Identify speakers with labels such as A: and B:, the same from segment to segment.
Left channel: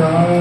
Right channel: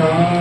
A: Oh,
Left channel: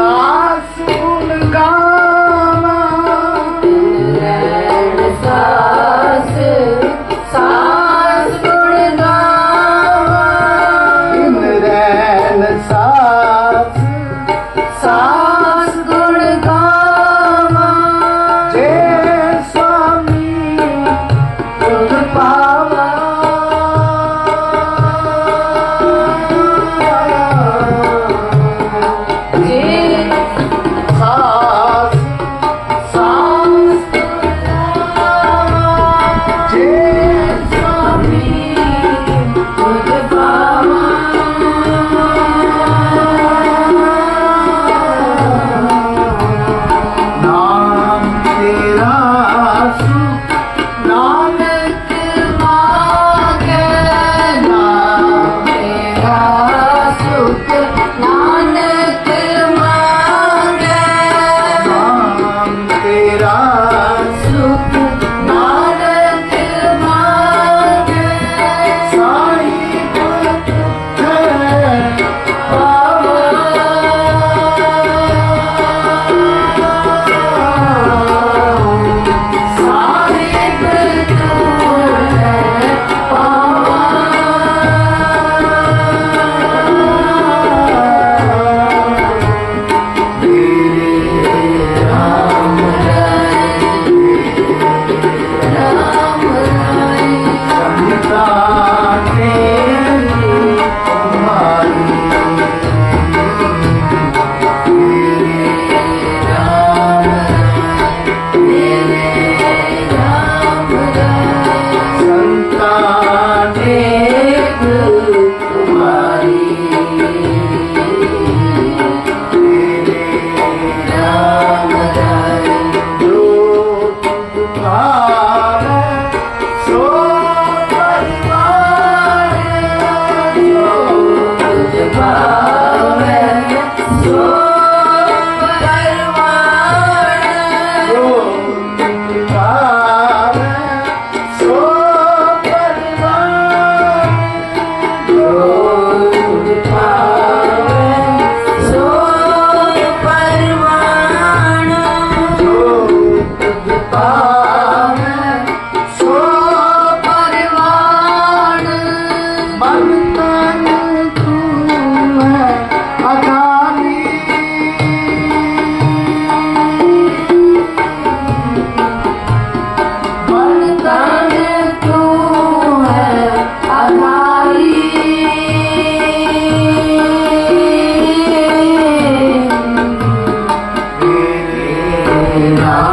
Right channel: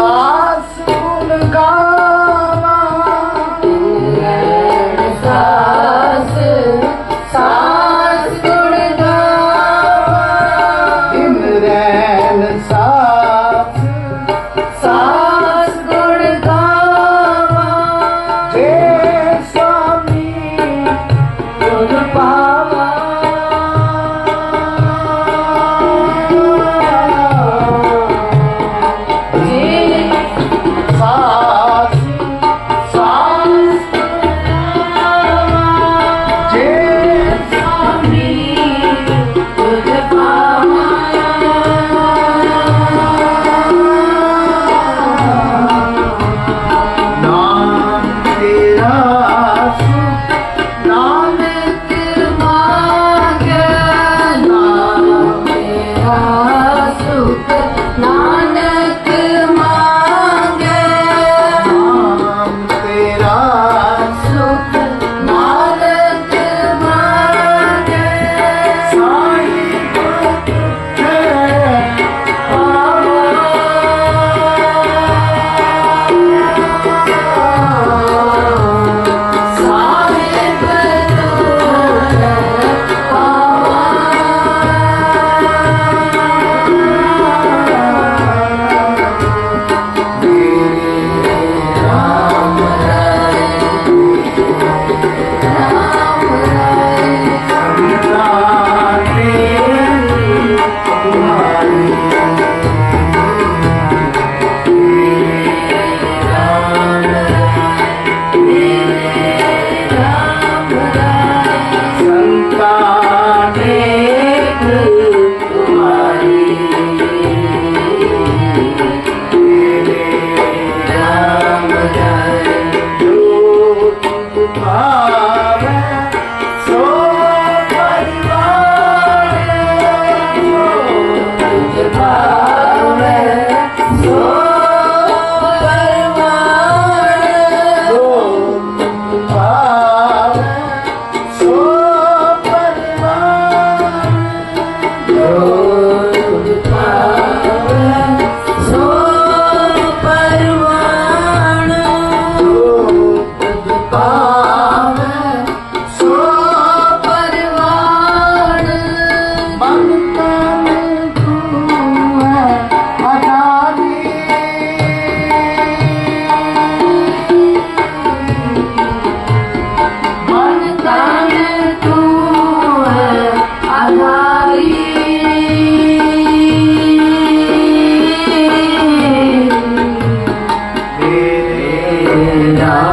A: सासू का Hare Rama